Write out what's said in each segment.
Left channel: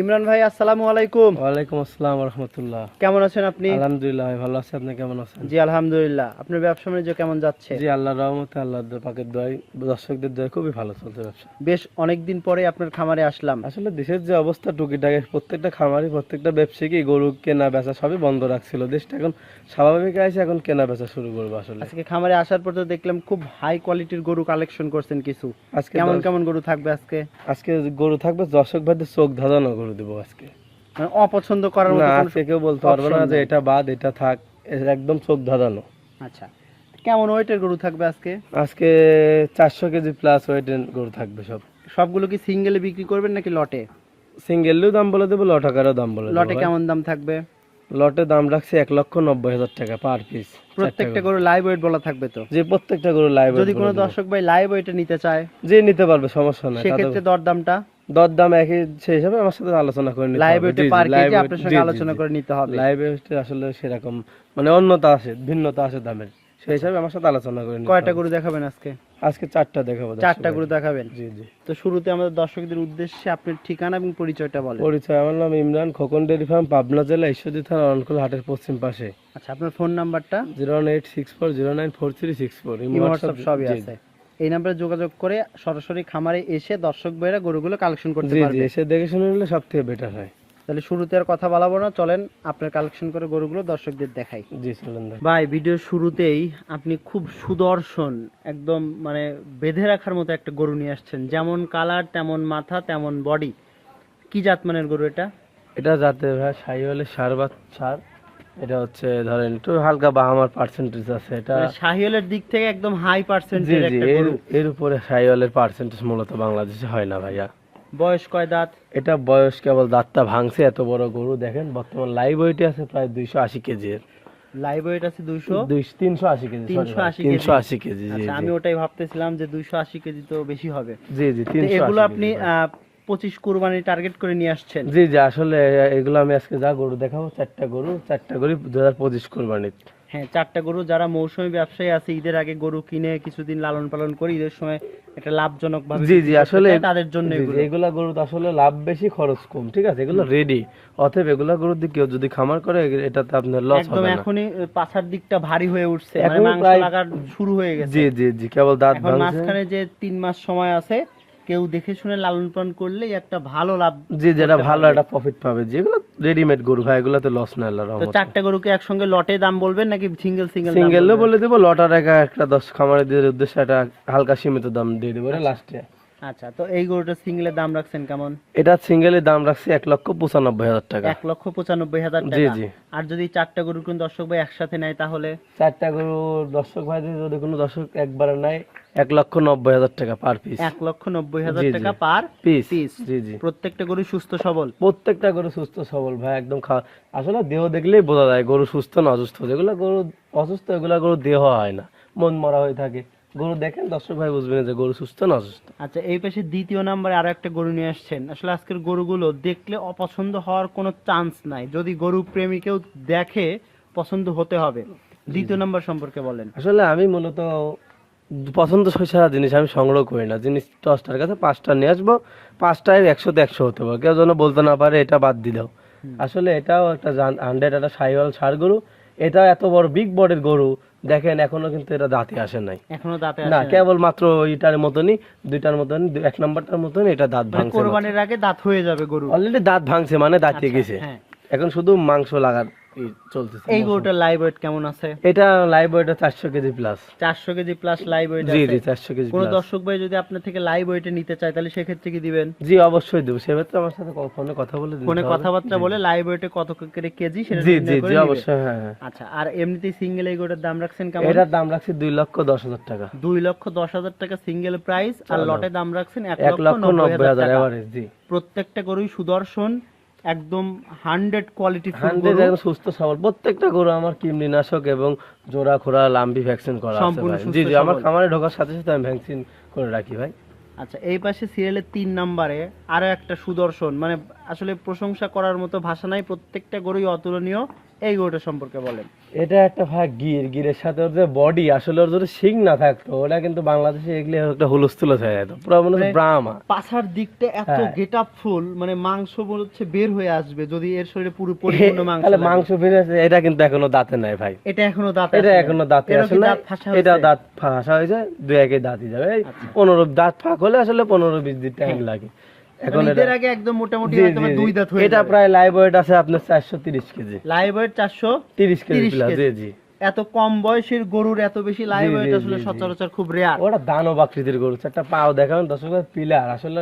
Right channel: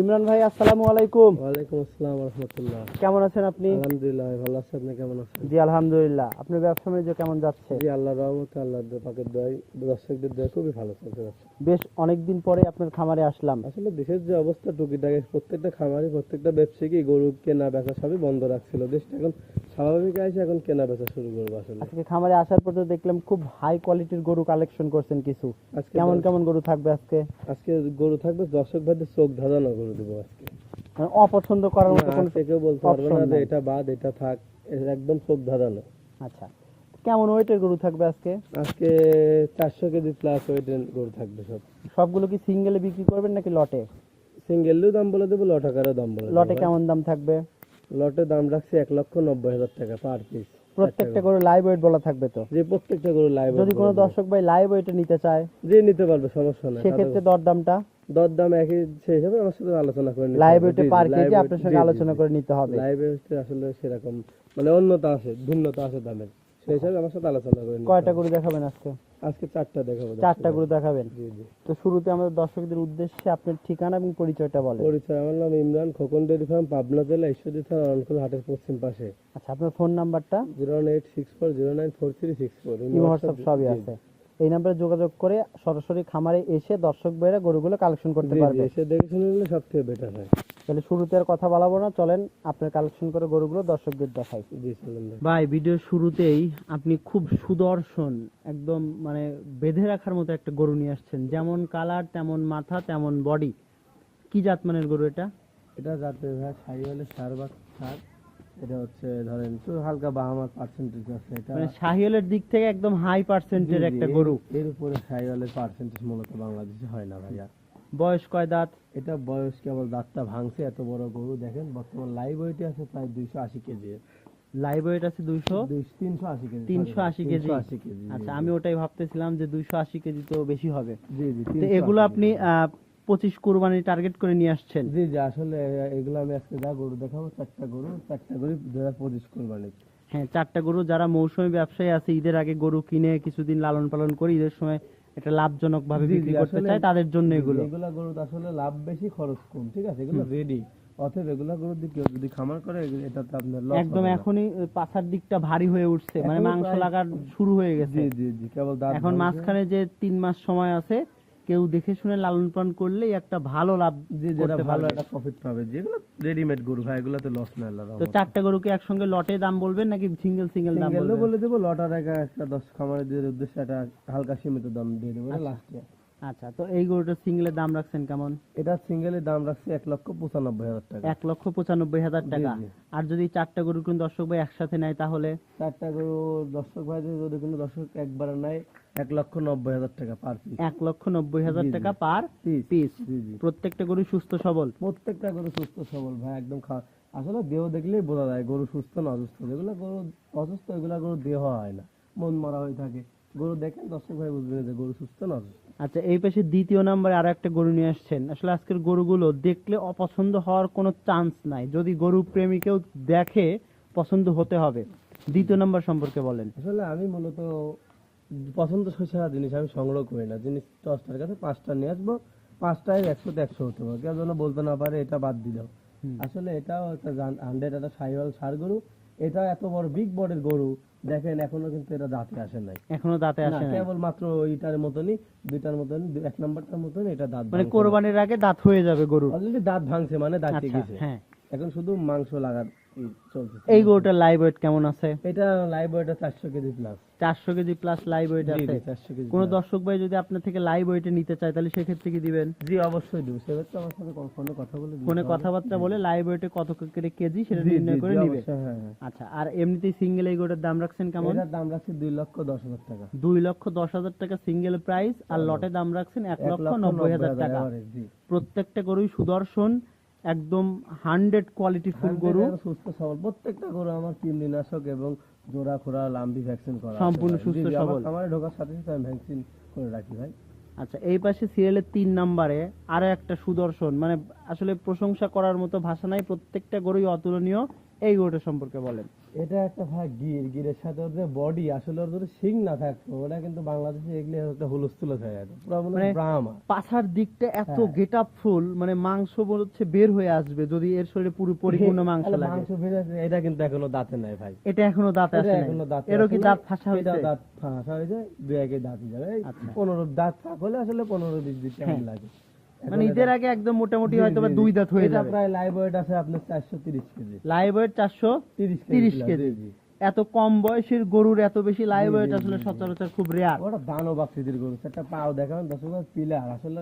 ইমরান ভাই আসসালামু আলাইকুম। ওয়ালাইকুম আসসালাম রহমতুল্লাহ। কেমন আছেন আপনি? আলহামদুলিল্লাহ ভাই ভালো আছি। আপনি কেমন আছেন? জি আলহামদুলিল্লাহ। আপনার ব্যবসা বাণিজ্য কেমন যাচ্ছে? জি আল্লাহর রহমতে আল্লাহর পাকের দয় দর্শকদের দয় খুবই ভালো চলছে ব্যবসা। বেশ অনেক দিন পরে আপনার খামারে আসলাম। আসলে দেশের যে অবস্থা টুকিটাকে প্রত্যেকটা খামারি প্রত্যেকটা ব্যবসায়ী গরু কেনা বেচা সবই বন্ধ রাখছিল। দেশটা এখন স্বাভাবিক আছে এখন কেনা বেচা শুরু করব আসলে। আজকে খামারে আসার পর তো দেখলাম খুব হাই কোয়ালিটির গরু কালেকশন করছেন কিছু। আজকে কেমন কেমন গরু থাকবে আজকে? আজকে গরু থাকবে দর্শক ভাইদের চোখ ধাঁধানো গরু দেবো আজকে। মানে অপছন্দ করার মতো কোনো কেউ বলতে পারবে না যে এটা বাদ এটা থাক একদম চোখ ধাঁধানো আচ্ছা কেমন ওয়েটের গরু থাকবে আজকে? আজকে চারশো কেজি প্লাস ওয়েটের গরু থাকবে সব। সবগুলো কি সিঙ্গেলে বিক্রি করবেন নাকি লটে? সিঙ্গেলেও দাম বলে দেবো লটাকারও দাম বলে লটে কেমন দাম থাকবে? লটে দাম রাখছি এক লক্ষ নব্বই হাজার টাকা পার পিস প্রত্যেকটা গরু। লাইভ ওয়েট বলা থাকবে তো? যে প্রত্যেকটা গরু লাইভ যদি কোনো দর্শক ভাই লাইভ ওয়েটে নিতে চায়? যে নিতে পারবে সমস্যা নাই সেক্ষেত্রে দরদামটা? দর দাম একই সেই হিসাবে আমার সাথে আলোচনা করে নিতে লাইভ। ওয়েটে পার কেজি আপনার সঙ্গে আলোচনা করে নিতে হবে। লাইভ ওয়েটে আসলে সেরকম মানে অন্যতা আছে ভিন্নতা আছে দামের। সেই হিসাবে আমার সাথে আলোচনা করে নিতে কয়টা গরু দেখাবেন আজকে? আজকে চারটা দেখাবো চারটা গরু দেখাবেন? জি জি। তো শুরুতে আমাদের দর্শকদের উদ্দেশ্যে আপনার ঠিকানা এবং পরিচয়টা বলেন। পরিচয় আমার নাম ইমরান খোকন ডেরি ফার্ম পাবনা জেলা ঈশ্বরদী থানা রনকুল হাটের পশ্চিম পাশে। আচ্ছা আপনার ফোন নাম্বারটা? Zero eight six four zero nine four three six four. WhatsApp সবই আছে। এই নাম্বারে যোগাযোগ করে সরাসরি খামারে এসে দর্শক ভাইরা গরুগুলো কালেকশন করতে পারবে। এসে দেখে শুনে নিলে সব থেকে বেটার হয়। তাহলে শুরুতে আর কথা বলাবো না চলেন আপনার কালেকশন করে গরুগুলো দর্শকদের দেখাই। জি চলেন ভাই ভিডিওর শুরুতেই আপনি খুব সুদর্শন একদম মানে বেঁধে রাখার মতো একটা গরু নিয়ে আসছেন। যেমন কালার তেমন মাথা তেমন বডি কি জাতমানের গরু এটা? এটা যাতে ভাই সাই হলে সার বা সার। এটা হচ্ছে ধরেন একটু হালকা বাহামার পার্সেন্টেজ আছে এটা মানে শাহিওয়ালের দিক থেকে একদম হাই জি পার্সেন্টের জি একটা গরু। এর উপরে পার্সেন্টেজ মূলত বাংলাদেশে হয় না ভাইয়া। বয়স কয় দাঁত? এটা বয়স কেবল দাঁতটা ভাঙছে এত বড় গরু দেখেন বর্তমান লাইভ ওয়েটে আছে প্রায় দুইশো আশি কেজি এর। লাইভ ওয়েট আছে দুইশো? তিনশো আশি কেজি তিনশো আশি কেজি। আশি কেজি আচ্ছা আমি ওটাই ভাবতেছিলাম যে দুইশো আশি কেজি তো বেশি হবে। জি জি 380 এগুলো আপনি পঁচিশ কুরবানি টার্গেট করে নিয়ে আসছেন। জি জি আসলে এগুলো আমি আজকে যা গরু দেখাবো চারটা গরু চারটা গরু দু হাজার পঁচিশ কোরবানির হ্যাঁ চারটা গরু যারা মৌসুমী ব্যবসায়ী আছে ঈদের আগে গরু কিনে কিছুদিন লালন পালন করে ঈদের সময় একটা লাভজনক ভাবে জি, জি, আসলে তাদের জন্য এগুলো এগুলা গরু তো আসলে লাভ বেশি খরচ কম ঠিক আছে? এগুলো রেডি অতএব এগুলা গরুর দিকে কেউ যদি খামার করে এ- এটাতে আপনার লস একদম এখনই পাছার দিকটা ভারী হয়ে উঠছে মানে মাংস লাগার শুরু হয়ে গেছে। জি জি জি কেবল দাঁত এখন। মাঝখানে যে তিন মাস সময় আছে কেউ দেখে শুনে লালন পালন করলে একটা ভালো লাভ যে যেটা ভালো একটা প্রফিট পাবে। যেগুলো রেডিমেড গরু হয় এগুলোতে লস না আল্লাহর তো চারটা গরুকে একসঙ্গে লটে দাম বলবেন নাকি সিঙ্গেল সিঙ্গেল সিঙ্গেল বলে দেবো লটার একা একটা দশ খামারে দিয়ে উদ্দেশ্যে একটা হালকা সীমিত দাম দিয়ে দেবো লাস্টে আচ্ছা তো এই গরুটা সিঙ্গেলের দাম রাখছেন কেমন? এটা সিঙ্গেলের দাম রাখছি এক লক্ষ পঁচানব্বই হাজার টাকা। এক লক্ষ পঁচানব্বই হাজার টাকা। আর যদি চারটা গরু কোন দর্শক ভাই একসাথে নেয় তাহলে? চারটা গরু দর্শক ভাই যদি কোনো দর্শক একবারে নাই এক লক্ষ নব্বই হাজার টাকা পার পিস এক লক্ষ নব্বই হাজার। টাকা পার পিস পিস জি জি। প্রত্যেকটা গরু সুস্থ সবল? প্রত্যেকটা গরু সুস্থ সবল ভাই একদম খাওয়া আসলে দেহ দেখলেই বোঝা যায় গরু সুস্থ না অসুস্থ। যেগুলো গরু অসুস্থ এগুলা গরু দেহ হয় না। মন মরা হয়ে থাকে। গরু দেখেন দর্শক ভাই বুঝবেন যে গরু সুস্থ না অসুস্থ। আচ্ছা এই পাশে দ্বিতীয় নাম্বারে আরও একটা গরু নিয়ে আসছেন। আসলে আজকের গরুগুলো দেখলে অপছন্দ হওয়ার কোনো চান্স নাই। যদি গরু প্রেমী কেউ দেখে পছন্দ হতে হবে। দ্বিতীয় নাম্বার সম্পর্কে বলেন। আসলে আমি মূলত পছন্দ সারা জিনিস আমি সংগ্রহ করি না। জিনিস দশটার কাছে পাঁচটা নিয়ে আসব পাঁচটায় একশোতে একশো হতে পারে। কেউ যেন বলতে না পারে এটা বাদ দিলেও। আসলে এটাও একটা হান্ড্রেড একটা সাইওয়াল সার গরু। এটা এত বড় বিগ বডির গরু দেখেন এখনও কিন্তু এটা দাঁতে আসে নাই। এখনও দাঁতে আসে না কেবল মাত্র ওইটার মতনই দুইটার মতনই এক নাম্বারটার মতনই এটা দাঁত মানে ভাঙছে কোরবানির আগে দাঁত হয়ে যাবে গরু অলরেডি দাঁত ভাঙছে মানে দাঁতে আচ্ছা, গেছে হ্যাঁ। এখন শুধু মাংস লাগার চলতেছে এই গরুটার লাইভ ওয়েট কেমন আছে? এটা লাইভ ওয়েটা চারশো কেজি প্লাস চারশো কেজি প্লাস লাইভ ওয়েট আছে জি চারশো কেজি কোনো দর্শক ভাই যদি আপনার থেকে লাইভ ওয়েটে নিতে চায় তাহলে সেক্ষেত্রে কি দিবেন? জি অবশ্যই দেবো। সেক্ষেত্রে আমার সাথে ফোনে কথা বলে ফোনে কথাবার্তা বলে লাইভ ওয়েটে কত করে কেজি সেটা জি জি নির্ণয় করে জি নিবে। অবশ্যই হ্যাঁ হ্যাঁ। আচ্ছা আর এমনিতেই সিঙ্গেল এই গরুটার দাম রাখছেন কেমন? এটার দাম রাখছি লক্ষ দশ হাজার টাকা। দুই লক্ষ দশ হাজার টাকা সিঙ্গেল প্রাইস আর লটে দাম রাখছেন লক্ষ হাজার টাকা। প্রত্যেকটা গরুই সুদর্শন একদম হান্ড্রেড কোয়ালিটি সুস্থ সবল। প্রত্যেকটা গরু আমার কৃমিনাশক এবং জোড়া খোড়া লাম্বি ভ্যাকসিন করা আছে সম্পূর্ণ। সুস্থ জি জি আমার খামারে ঢোকার সাথে সাথে আমি ভ্যাকসিন করে রাখি ভাই। আচ্ছা এই পাশে সিরিয়ালের তিন নম্বরে আরও একটা সুদর্শন মানে আসলে প্রশংসা করার মতো ভাষা নাই প্রত্যেকটা গরুই অতুলনীয় এই গরুটা সম্পর্কে বলেন এটা একটা ভাই গির গিরের সাথে ওর যে বডি আসলে ওর যদি শিং না থাকতো ওটা কিন্তু বাংলাদেশে এগুলি একটা হুলস্থুল হয়ে যেত পুরো মনে হচ্ছে মানে- ব্রাহ্মা পাছার দিকটা এত হ্যাঁ। গেট আপ ফুল মানে মাংস মনে হচ্ছে বের হয়ে আসবে যদি এর শরীরে পুরো পরিপূর্ণ মাংস তাহলে। মাংস বেরিয়েছে এটা কিন্তু এখনও দাঁতে নাই ভাই এটা এখনও দাঁত এটা এখনও দাঁতে আসে দাঁত ফাঁসা এটা? দাঁত ফাঁসা হয়েছে দুই একে দাঁতই যাবে এই আচ্ছা। পনেরো দাঁত ফাঁক হলে আসলে পনেরো বিশ দিন টাইম হ্যাঁ। লাগে মানে ঈদের আগে একদম মোটামুটি হয়তো দুই দাঁত হয়ে এটা প্রায় লাইভ ওয়েট আছে আপনার চারশো তিরিশ KG. Live weight KG 30 plus, KG. জি। জি এত কম বয়সের গরুর এত বেশি লাইভ ওয়েট আসলে জি, জি। সচরাচর খুব রেয়ার ওটা দানব আকৃতির গরু একটা পাও দেখাবেন দর্শক পিলার আসলে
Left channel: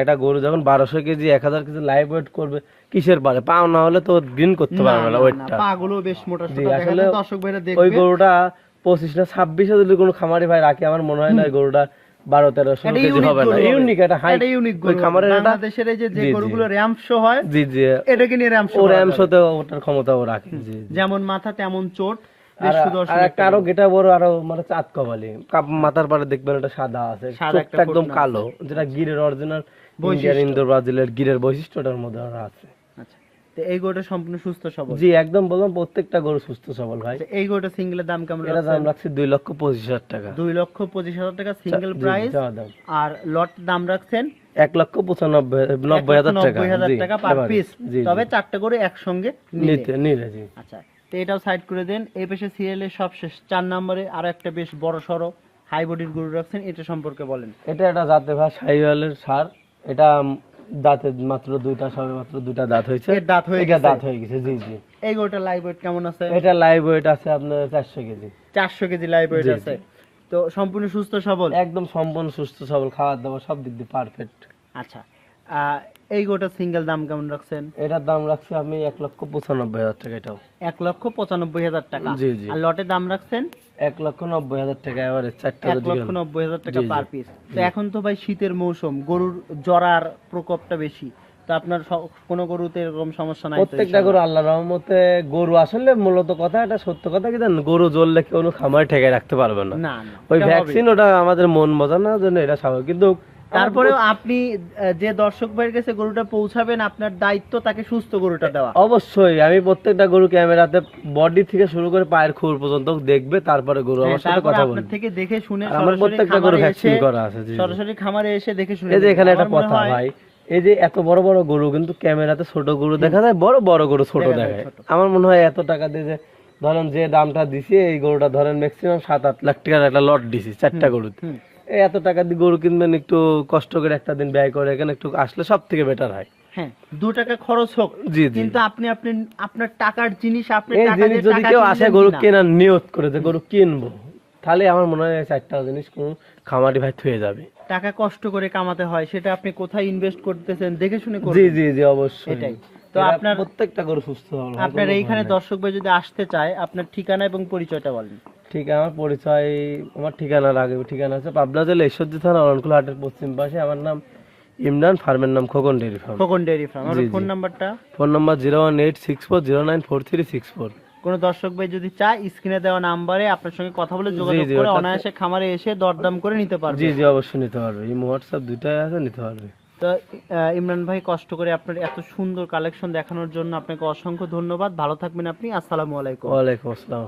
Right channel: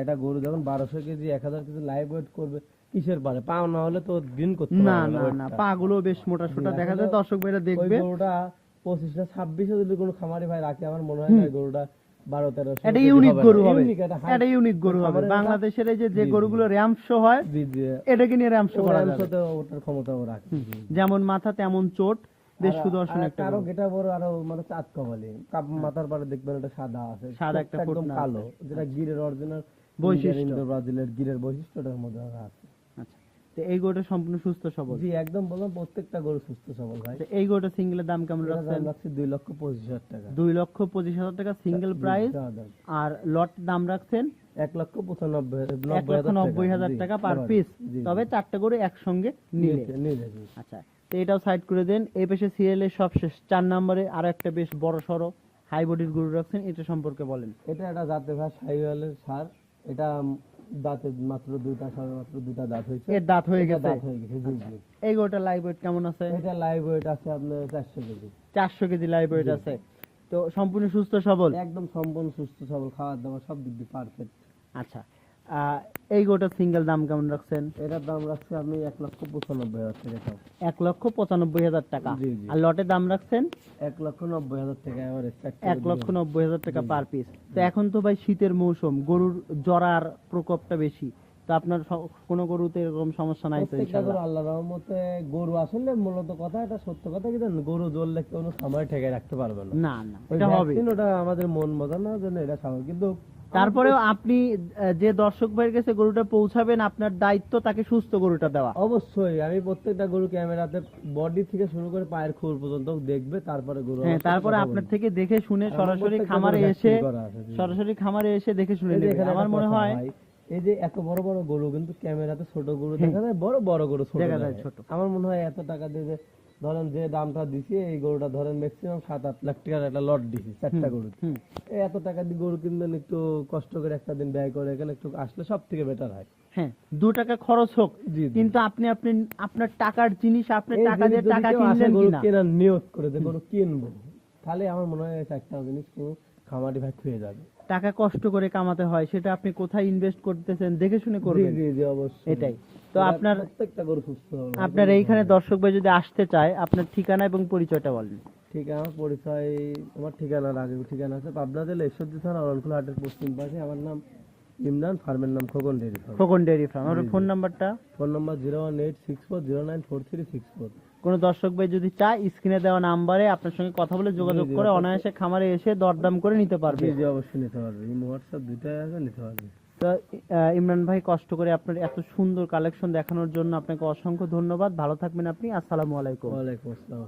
একটা গরু যখন বারোশো কেজি এক হাজার কেজি লাইভ ওয়েট করবে কিসের পারে পাও না হলে তো দিন করতে পারবে না ওয়েটটা পা গুলো বেশ মোটা সোটা। দেখা যায় দর্শক ভাইরা ওই গরুটা পঁচিশ না ছাব্বিশে যদি কোনো খামারি ভাই রাখে আমার মনে হয় না গরুটা বারো তেরোশো এটা ইউনিক গরু ইউনিক একটা হাই এটা ইউনিক গরু খামারের এটা বাংলাদেশের এই যে যে। গরুগুলো র্যাম শো হয় জি জি। এটাকে নিয়ে র্যাম শো ওর ওটার ক্ষমতা ও রাখে। যেমন মাথা তেমন চোট বেশ সুদর্শন একটা আরও গেটা বড় আরও মানে চাঁদ কমালি কাপ- মাথার পারে দেখবেন এটা সাদা আছে। সাদা একদম কালো যেটা গিরের অরিজিনাল বৈশিষ্ট্য। ব্রাজিলের গিরের বৈশিষ্ট্যটার মধ্যে আছে। এই গরুটা সম্পূর্ণ সুস্থ সবল। জি একদম বললাম প্রত্যেকটা গরু সুস্থ সবল ভাই। এই গরুটা সিঙ্গেলের দাম কেমন এটা দাম রাখছি দুই লক্ষ পঁচিশ হাজার টাকা। দুই লক্ষ পঁচিশ হাজার টাকা সিঙ্গেল প্রাইস আর লট দাম রাখছেন এক লক্ষ পঁচানব্বই নব্বই হাজার টাকা। Per piece. তবে চারটে করে একসঙ্গে নিতে নিলে জি। আচ্ছা তো এটাও সাইড করে দেন। এই পাশে সিরিয়ালের সবশেষ চার নম্বরে আরও একটা বেশ বড় সড়ো হাই বডির গরু রাখছেন। এটা সম্পর্কে বলেন। এটা একটা জাতে ভাই সাইওয়ালের সার। এটা দাঁতে মাত্র দুইটা সবে মাত্র দুইটা দাঁত হয়েছে। দাঁত হয়ে গেছে? দাঁত হয়ে গেছে জি জি। এই গোটা লাইভ ওয়েট কেমন আছে? এটা লাইভ ওয়েট আছে আপনার চারশো কেজি। চারশো কেজি লাইভ ওয়েট আছে। তো সম্পূর্ণ সুস্থ সবল? একদম সম্পূর্ণ সুস্থ সবল খাবার দাওয়া সব দিক দিয়ে পারফেক্ট আচ্ছা। এই গরুটা সিঙ্গেল দাম কেমন রাখছেন? এটার দাম রাখছি আমি এক লক্ষ পঁচানব্বই হাজার টাকা এটাও। এক লক্ষ পঁচানব্বই হাজার টাকা? জি, জি। আর লটের দাম রাখছেন? এক লক্ষ নব্বই হাজার টাকা এবারে চারটা এক লক্ষ নব্বই হাজার টাকা। পার পিস তো এখন তো ভাই শীতের মৌসুম গরুর জরার প্রকোপটা বেশি। তো আপনার কোনো গরুতে এরকম সমস্যা নাই প্রত্যেকটা গরু আল্লাহ রহমতে গরু আসলে মূলত কথা এটা সত্য কথা কি জানেন? গরু জ্বললে কেউ খামার ঠেকে রাখতে পারবে না। না না। ওই ভ্যাকসিন ওটা আমাদের মন বোঝানোর জন্য এটা স্বাভাবিক। কিন্তু তারপরেও আপনি যে দর্শক ভাইয়ের কাছে গরুটা পৌঁছাবেন আপনার দায়িত্ব তাকে সুস্থ গরুটা দেওয়া। অবশ্যই আমি প্রত্যেকটা গরু ক্যামেরাতে বডি থেকে শুরু করে পায়ের খুর পর্যন্ত দেখবে তারপরে গরু তারপরে আপনার থেকে দেখে শুনে সরাসরি খামারে এসে। সরাসরি খামারে এসে দেখে শুনে এই যে এখানে একটা কথা ভাই এই যে এত বড় বড় গরু কিন্তু ক্যামেরাতে ছোট গরু দেখা যায় বড় বড় গরু ছোট দেখা যায় আমার মনে হয় এত টাকা দিয়ে যে ধরেন যে দামটা দিছি এই গরুটা ধরেন ম্যাক্সিমাম সাত আট লাখ টাকার একটা লট দিছি চারটা গরু এত টাকা দিয়ে গরু কিনবেন একটু কষ্ট করে একটা দিন ব্যয় করে এখানে একটু আসলে সব থেকে বেটার হয়। হ্যাঁ দু টাকা খরচ হোক কিন্তু আপনি আপনি আপনার টাকার জিনিস আপনি টাকা দিয়ে যদি টাকা কেউ আসে গরু কেনার নিয়ত করে যে গরু কিনবো তাহলে আমার মনে হয় চারটা জিনিস কোন খামারি ভাই থুয়ে যাবে। টাকা কষ্ট করে কামাতে হয় সেটা আপনি কোথায় ইনভেস্ট করতেছেন দেখে শুনে জি জি জি অবশ্যই। এটাই। তো আপনার- প্রত্যেকটা গরু সুস্থ হবে আপনার এইখানে দর্শক ভাই যদি আসতে চায় আপনার ঠিকানা এবং পরিচয়টা বলেন। ঠিক আমার পরিচয় আমার ঠিকানার আগে ঠিকানা আছে পাবনা জেলা ঈশ্বরদী থানা অরণকুল হাটের পশ্চিম পাশে। আমার নাম ইমরান ফার্মের নাম Khokon dairy farm. Khokon dairy farm. আমার। ফোন নাম্বারটা? Phone number zero one eight six four zero nine four three six four. কোনো দর্শক ভাই যদি চায় স্ক্রিনে দেওয়া নাম্বারে আপনার সঙ্গে কথা বলে যোগাযোগ করে অনায়াসে খামারে এসে দরদাম করে নিতে পারবে। জি জি অবশ্যই নিতে পারবে। এই হোয়াটসঅ্যাপ দুইটাই আছে নিতে পারবে। তো ইমরান ভাই, কষ্ট করে আপনার এত সুন্দর কালেকশন দেখানোর জন্য আপনাকে অসংখ্য ধন্যবাদ। ভালো থাকবেন আপনি। আসসালামু আলাইকুম। ওয়ালাইকুম আসসালাম।